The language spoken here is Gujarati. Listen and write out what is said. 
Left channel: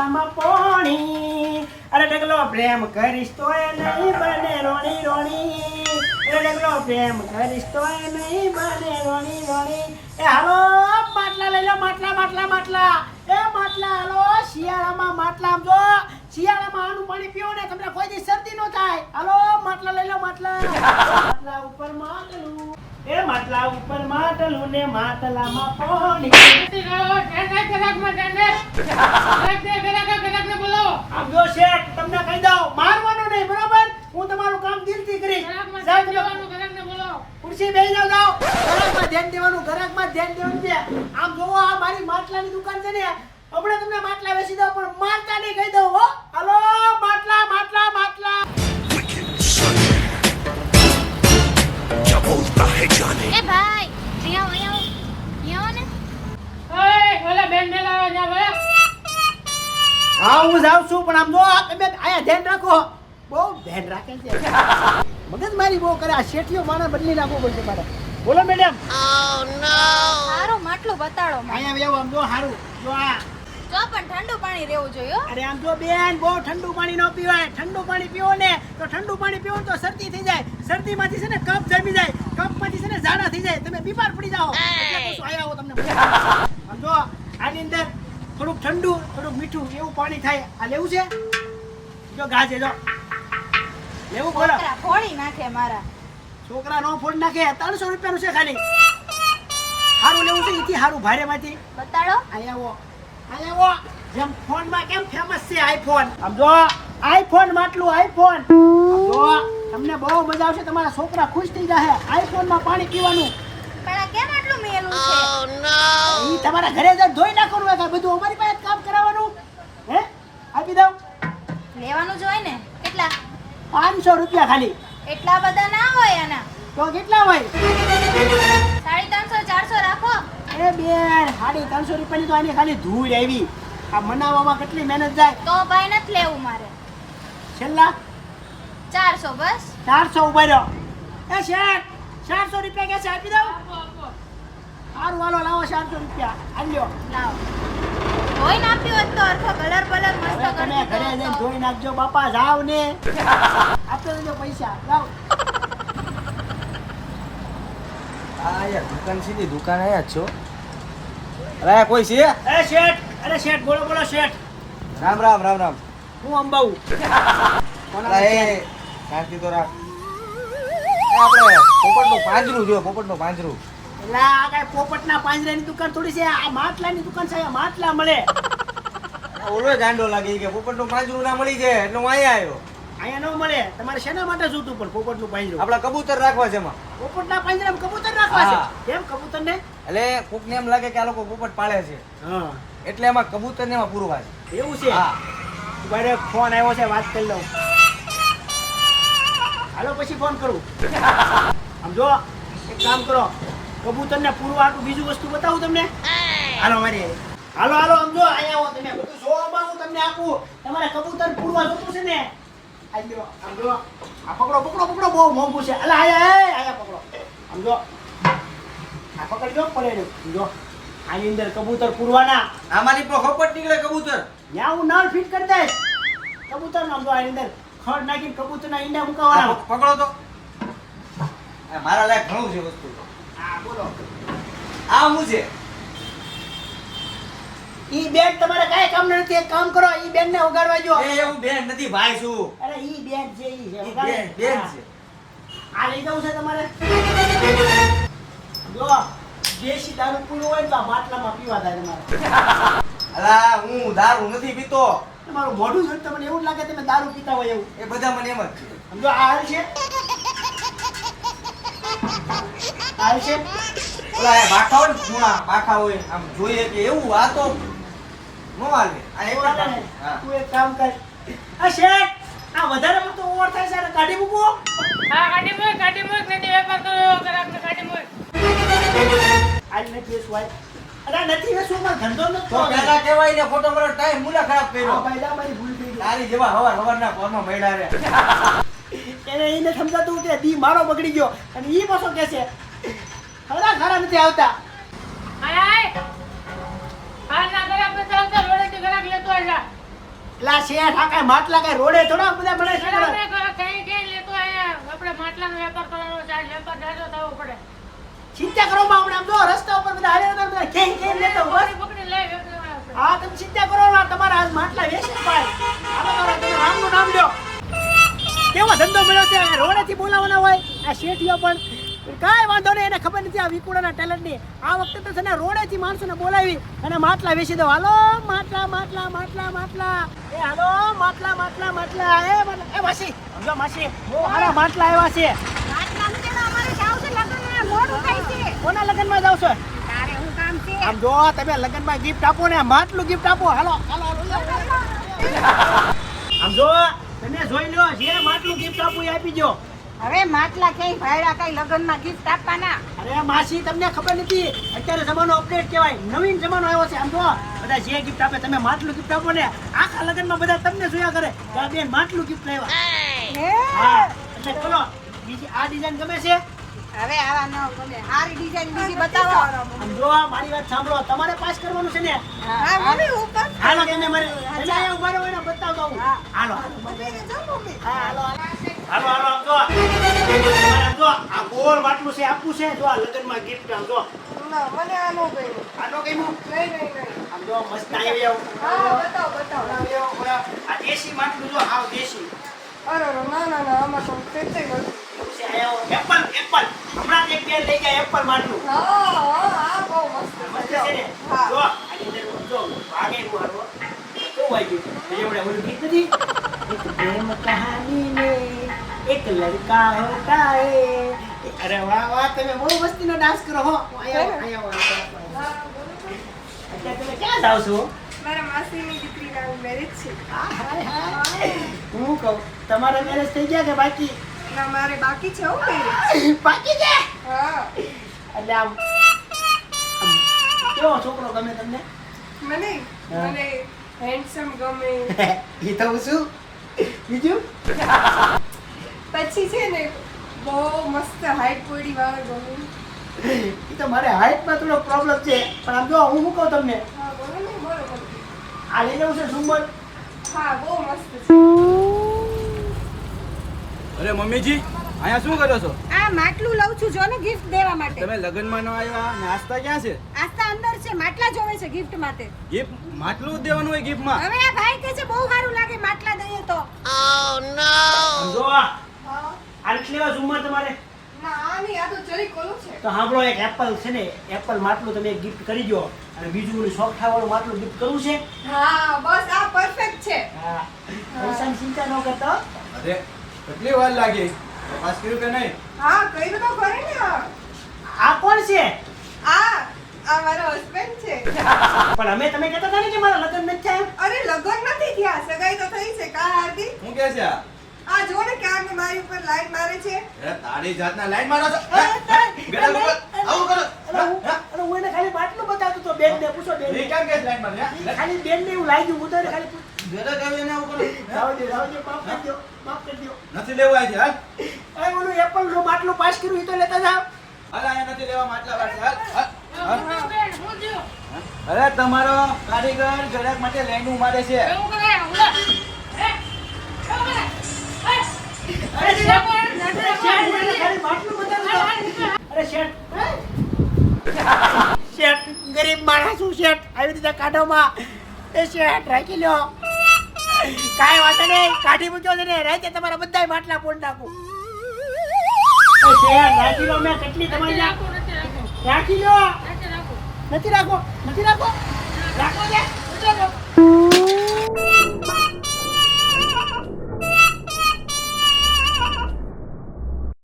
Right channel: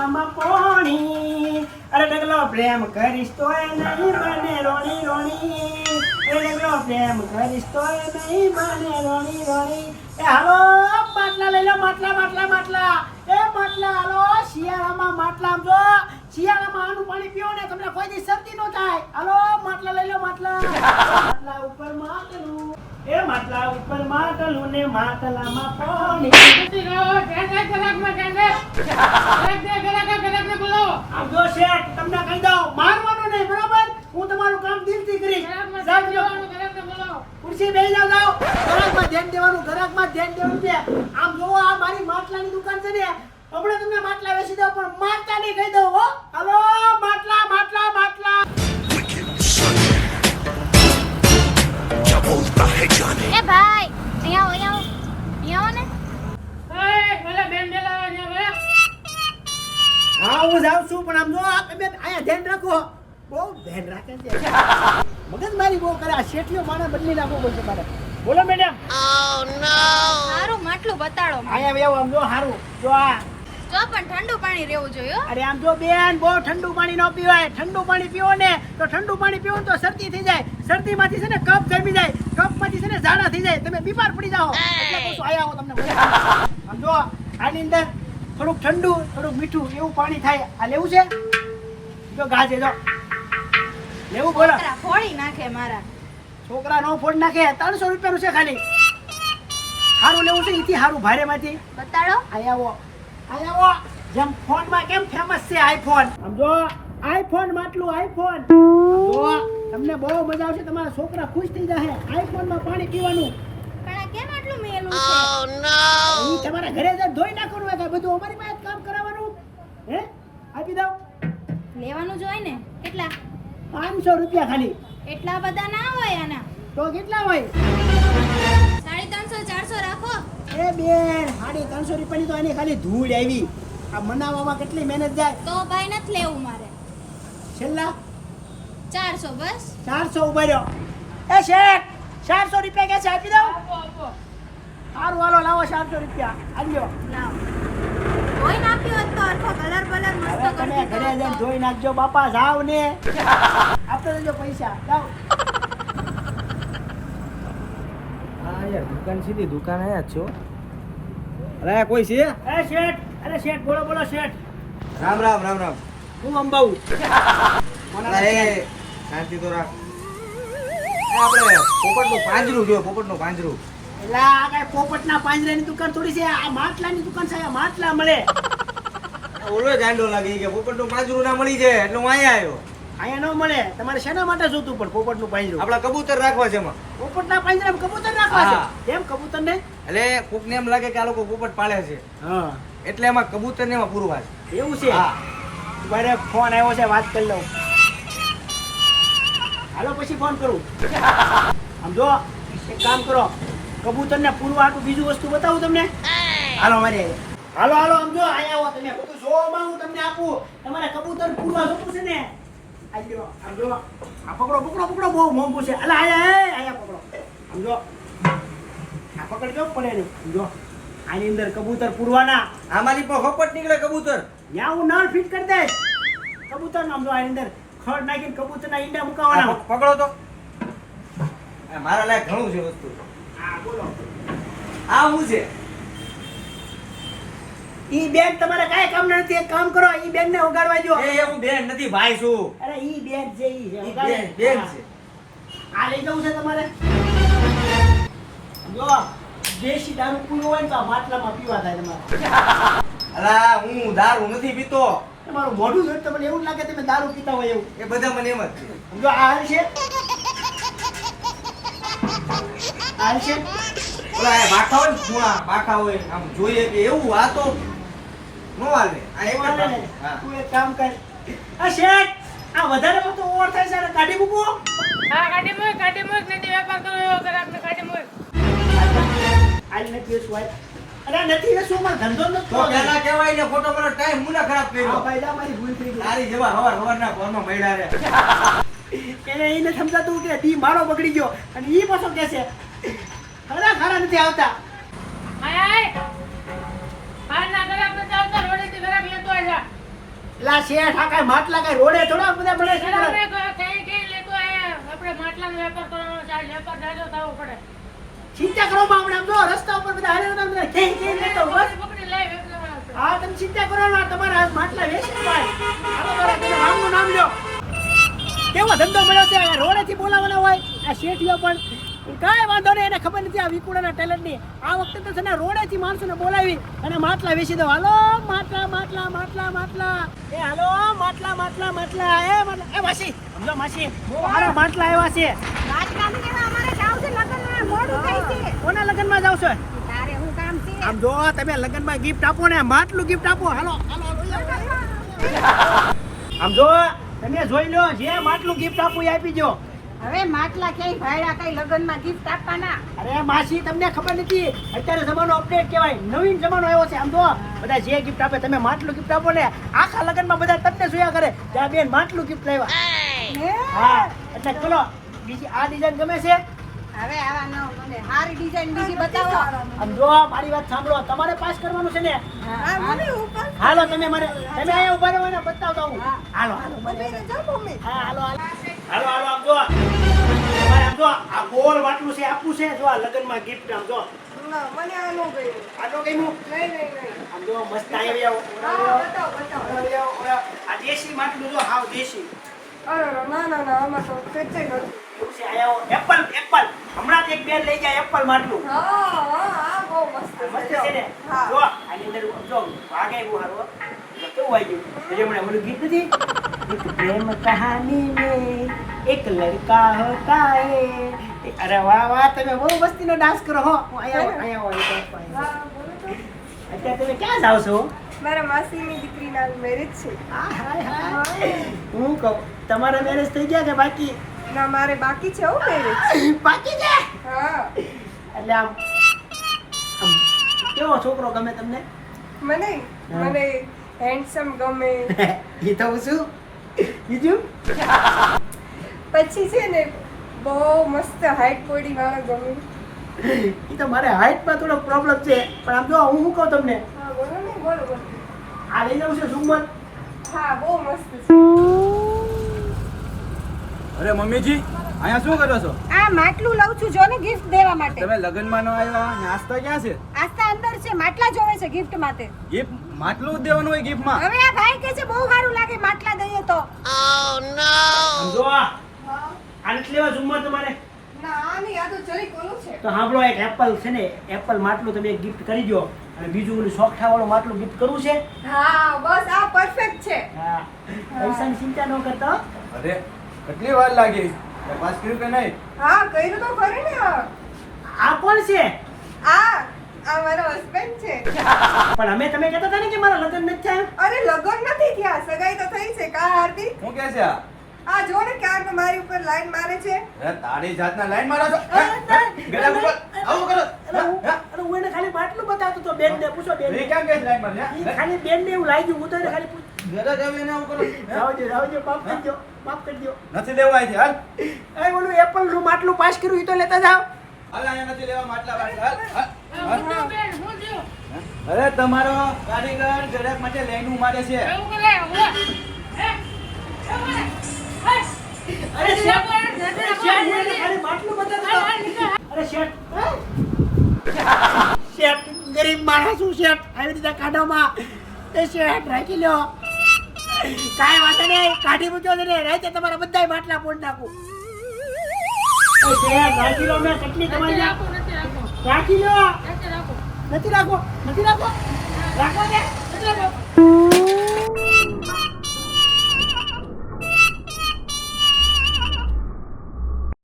માટલામાં પોણી અરે ડગલો પ્રેમ કરીશ તો એ નહીં બને રોણી રોણી એ ડગલો પ્રેમ કરીશ તો એ નહીં બને રોણી રોણી એ હાલો માટલા લઈ લો માટલા માટલા માટલા એ માટલા હાલો શિયાળામાં માટલામાં જો શિયાળામાં આનું પાણી પીવો ને તમને કોઈ દી શરદી ન થાય હાલો માટલા લઈ લો માટલા માટલા ઉપર માટલું એ માટલા ઉપર માટલું ને માટલામાં પાણી આમ જો શેઠ તમને કહી દઉં મારવાનું નહીં બરોબર હું તમારું કામ દિલથી કરીશ ખુરશી બેસી જાવ ગ્રાહકમાં ધ્યાન દેવાનું ગ્રાહકમાં ધ્યાન દેવાનું છે આમ જોવો આ મારી માટલાની દુકાન છે ને હમણાં તમને માટલા વેચી દઉં પણ માટલા નહીં કહી દઉં હો હાલો માટલા માટલા માટલા क्या बोलता है जाने એ ભાઈ અહીંયા આવો ને હા હું જાઉં છું પણ આમ જો તમે આયા ધ્યાન રાખો બહુ ધ્યાન રાખે છે મગજ મારી બહુ કરે આ શેઠિયો માણસ બદલી નાખવો પડશે મારે બોલો મેડમ સારું માટલું બતાડો મને. અહીંયા બેવો આમ જો હારું જો આ જો પણ ઠંડુ પાણી રહેવું જોઈએ હો. અરે આમ જો બેન બહુ ઠંડુ પાણી ન પીવાય ઠંડુ પાણી પીવો ને તો ઠંડુ પાણી પીવો ને તો શરદી થઈ જાય શરદીમાંથી છે ને કફ જમી જાય કફમાંથી છે ને ઝાડા થઈ જાય તમે બીમાર પડી જાઓ એટલે કહું છું આયા આવો તમને આમ જો આની અંદર થોડુંક ઠંડુ થોડુંક મીઠું એવું પાણી થાય આ લેવું છે જો ગાજે જો લેવું બોલો છોકરા ફોડી નાખે મારા. છોકરા નો ફોડ નાખે 300 રૂપિયાનું છે ખાલી હારું લેવું છે ઈથી હારું ભારેમાંથી બતાડો. આવો જેમ ફોનમાં કેમ ફેમસ છે આઈફોન આમ જો આઈફોન માટલું આઈફોન જો તમને બહુ મજા આવશે તમારા છોકરા ખુશ થઈ જશે આઈફોન માં પાણી પીવાનું પણ આ કેમ આટલું મેલું છે? ઈ તમારા ઘરે જઈને ધોઈ નાખવાનું હોય કાંઈ બધું અમારી પાસે જ કામ કરાવવાનું હે આપી દઉં લેવાનું જ હોય ને. કેટલા? 500 રૂપિયા ખાલી એટલા બધા ના હોય આના. તો કેટલા હોય 350 400 રાખો. એ બેન 350 રૂપિયાની તો આની ખાલી ધૂળ આવી આ મનાવવામાં કેટલી મહેનત જાય તો ભાઈ નથી લેવું મારે. છેલ્લા 400 બસ. 400 ઉભા રહ્યો એ શેઠ 400 રૂપિયા કે છે આપી દઉં સારું હાલો લાવો 400 રૂપિયા આલ્યો લાવ. ધોઈ નાખ્યું હોત તો અરખો કલર બલર મસ્ત હવે તમે કરી ઘરે દીધો જઈને હોત તો. ધોઈ નાખજો બાપા જાવ ને આપતો દેજો પૈસા જાવ આ યાર દુકાન સીધી દુકાન આયા જ છો અરે કોઈ છે એ શેઠ અરે શેઠ બોલો બોલો શેઠ રામ રામ રામ રામ હું અંબાઉ કોના અરે શેઠ? શાંતિ તો રાખ આપણે પોપટનું પાંજરું જો પોપટનું પાંજરું એટલે આ કઈ પોપટના પાંજરાની દુકાન થોડી છે આ માટલાની દુકાન છે આ માટલા મળે ઓલો ગાંડો લાગી કે પોપટનું પાંજરું ના મળી જાય એટલે હું અહીંયા આવ્યો અહીંયા ન મળે તમારે શેના માટે જોતું પણ પોપટનું પાંજરું આપડા કબૂતર રાખવા છે એમાં પોપટના પાંજરામાં કબૂતર રાખવા હા. છે કેમ કબૂતર ને એટલે કોકને એમ લાગે કે આ લોકો પોપટ પાળે છે હા એટલે એમાં કબૂતર ને એમાં પૂરવા છે એવું છે હા મારે ફોન આવ્યો છે વાત કરી લઉં હાલો પછી ફોન કરું આમ જો એક કામ કરો કબૂતરને પૂરવા હાટું બીજું વસ્તુ બતાવું તમને હાલો મારી હારે. હાલો હાલો આમ જો અહીંયા આવો તમે બધું જોવામાં હું તમને આપું તમારે કબૂતર પૂરવા જોતું છે ને આ લ્યો આમ જો આ પકડો પકડો પકડો બહુ મોંઘું છે અલા આયા પકડો આમ જો આ પકડજો પડે ને આમ જો આની અંદર કબૂતર પૂરવાના આમાંની પણ ખપટ નીકળે કબૂતર ત્યાં હું નળ ફિટ કરી દઈશ કબૂતર નામ જો આની અંદર ખડ નાખીને કબૂતરના ઈંડા આ મુકાવાના પકડો તો આ મારા લાયક ઘણું છે વસ્તુ હા બોલો આ શું છે ઈ બેન તમારે કાંઈ કામ નથી એક કામ કરો ઈ બેન ને ઉગાડવા જો એ હું બેન નથી ભાઈ છું અરે ઈ બેન છે ઈ છે ઈ ઉગાડે. બેન હા. છે આ લઈ જવું છે તમારે જો દેશી દારૂ પૂરો હોય ને તો આ માટલામાં પીવા થાય તમારે અલા હું દારૂ નથી પીતો તમારું મોઢું જોઈને તમને એવું જ લાગે તમે દારૂ પીતા હોય એવું એ બધા મને એમ જ છે સમજો આ હાલ છે હાલ છે ઓલા એ બાખા હોય ને ધૂણા બાખા હોય આમ જોઈએ કે એવું આ તો નો હાલે આ એક જ હાલે ને? બાખું. હા. તું એક કામ કર આ શેઠ આ વધારે પડતો ઓવર થાય છે આને કાઢી મૂકો કાઢી મૂક નથી વેપાર કરો એવો ગ્રાહકને કાઢી મૂક. આજ નથી વેચવું આજ. અરે નથી વેચવું અમારો ધંધો નથી તો પેલા કહેવાય ને ફોટો કરો ટાઈમ મુલા ખરાબ આ કર્યો ભાઈલા મારી ભૂલ થઈ ગઈ તારી જેવા હવારના ફોનમાં મળ્યા રે એને એને સમજાતું કે દી મારો બગડી ગયો અને ઈ પાછો કહે છે ખરા ખરા નથી આવતા આય આય. બહારના ગ્રાહક નથી આવતા, રોડેથી ગ્રાહક લેતો આવ્યા. લા શેઠ આ કાંઈ માટલા કાંઈ રોડે થોડા બધા બને છે આપણે કઈ લેતો આયા આપણે માટલાનો વેપાર કરવાનો છે આ વેપાર દાડો થવો પડે ચિંતા કરો માં આપણે આમ તો રસ્તા ઉપર બધા હારે હતા બધા કે લેતો બસ પકડી લઈ વેપાર હા તમે ચિંતા કરો ના તમારા માટલા વેચી ભાઈ હાલો કરો તમે રામનું નામ લ્યો કેવો ધંધો મળ્યો છે રોડેથી બોલાવવાના હોય આ શેઠિયો પણ કાંઈ વાંધો નહીં એને ખબર નથી આ વિકુડાના ટેલેન્ટની આ વખતે તો છે ને રોડેથી માણસોને બોલાવી અને માટલા વેચી દો હાલો માટલા માટલા માટલા માટલા એ હાલો માટલા માટલા માટલા એ માસી સમજો માસી બહુ સારા માટલા આવ્યા છે માટલાનું કે અમારે જાવ છે લગનમાં મોડું થાય છે કોના લગ્નમાં જાવ છો તારે હું કામ છે આમ જો તમે લગ્નમાં ગિફ્ટ આપો ને માટલું ગિફ્ટ આપો હાલો હાલો આમ જો તમે જોઈ લો જે માટલું ગિફ્ટ આપું એ આપી દો હવે માટલા કઈ ભાડા કઈ લગનમાં ગિફ્ટ આપવાના અરે માસી તમને ખબર નથી અત્યારે જમાનો અપડેટ કહેવાય નવીન જમાનો આવ્યો છે આમ તો બધા જે ગિફ્ટ આપે તમે માટલું ગિફ્ટ આપો ને આખા લગ્નમાં બધા તમને જોયા કરે ત્યાં બેન માટલું ગિફ્ટ લાવ્યા હા એટલે ચલો બીજી આ ડિઝાઇન ગમે છે હવે આવા ન ગમે સારી ડિઝાઇન બીજી બતાવો આમ જો મારી વાત સાંભળો તમારે પાસ કરવાનું છે ને હા મમ્મી ઉપર હાલો તમે અહીંયા ઉભા રહો ને બતાવતો હું હાલો હાલો મમ્મી જો મમ્મી હા હાલો હાલો હાલો હાલો આમ જો તમારે આમ જો આ ગોળ માટલું છે આપવું છે જો આ લગ્નમાં ગિફ્ટ આમ જો મને આનો ગયું આનો કઈમું નહીં આમ જો મસ્ત આવી આવો બતાવો આ દેશી માટલું જો હાવ દેશી અરે ના આમાં તો કેટલે ગયું એવું છે આયો એપલ એપલ હમણાં જ એક બેન લઈ જાય એપલ માટલું હા બહુ મસ્ત છે ને જો આની અંદર જો વાગે એવું હારો કેવું વાગ્યું એટલે મને ઓલું ગીત નથી એક પ્રેમ કહાની में एक लड़का होता है अरे वाह वाह તમે બહુ મસ્તીનો ડાન્સ કરો હો અહીંયા અત્યારે તમે ક્યાં જાવ છો મારા માસીની દીકરીના મેરેજ છે હું કહું તમારા મેરેજ થઈ ગયા કે બાકી ના મારે બાકી છે હો મેરેજ બાકી છે હા એટલે આમ કેવો છોકરો ગમે તમને મને હેન્ડસમ ગમે એ તો શું બીજું પછી છે ને બહુ મસ્ત હાઈટ બોડી વાળો ગમે એ તો મારે હાઈટમાં થોડો પ્રોબ્લેમ છે પણ આમ જો હું શું કહું તમને હા બોલો ને બોલો આ લઈ જવું છે ઝુમ્મર હા બહુ મસ્ત છે અરે મમ્મીજી અહીંયા શું કરો છો આ માટલું લઉં છું જો ને ગિફ્ટ દેવા માટે તમે લગ્નમાં ન આવ્યા નાસ્તા ક્યાં છે આસ્તા અંદર છે માટલા જોવે છે ગિફ્ટ માટે ગિફ્ટ માટલું જ દેવાનું હોય ગિફ્ટમાં હવે આ ભાઈ કહે છે બહુ સારું લાગે માટલા દઈએ તો જો આ નથી લેવા ઝુમ્મર તમારે ના આની આ તો ચલી કોલું છે તો સાંભળો એક એપલ છે ને એપલ માટલું તમે ગિફ્ટ કરી દો અને બીજું બધું સોફ્ટા વાળું માટલું ગિફ્ટ કરવું છે હા બસ આ પરફેક્ટ છે હા પૈસાની ચિંતા ન કરતો અરે કેટલી વાર લાગી પાસ કર્યું કે નહીં હા કર્યું તો ખરી ને આ કોણ છે આ મારો હસબન્ડ છે પણ અમે તમે કહેતા હતા ને કે મારા લગ્ન નથી થયા અરે લગન નથી થયા સગાઈ તો થઈ છે કા હાર્દિક હું કે છે આ જો ને ક્યાં મારી ઉપર લાઈન મારે છે અરે તારી જાતના લાઈન મારો છો ગળા ઉપર આવું કરો અરે હું એને ખાલી માટલું બતાવતો તો બેન ને પૂછો બેન એ કેમ કે લાઈન માર ખાલી બેન ને એવું લાગ્યું હું તો એને ખાલી ગળા ગળા ના કરો રાવજો માફ કરી દો નથી લેવું અહીંથી હાલ એ ઓલું એપલ નું માટલું પાસ કર્યું એ તો લેતા જાવ હાલ અહીંયા નથી લેવા માટલા પાસે હાલ હું જો અરે તમારો કારીગર ગળા માટે લાઈન મારે છે એવું કરે અરે શેઠ ખાલી માટલું બતાવતો અરે શેઠ શેઠ ગરીબ માણસ છું શેઠ આવી રીતે કાઢોમાં એ શેઠ રાખી લ્યો કાંઈ વાંધો નહીં કાઢી મૂક્યો છે ને રાતે તમારા બધાય માટલા પોડ નાખું શેઠ રાખી લો મેં કેટલી તમારી રાખી લો નથી રાખો રાખો છે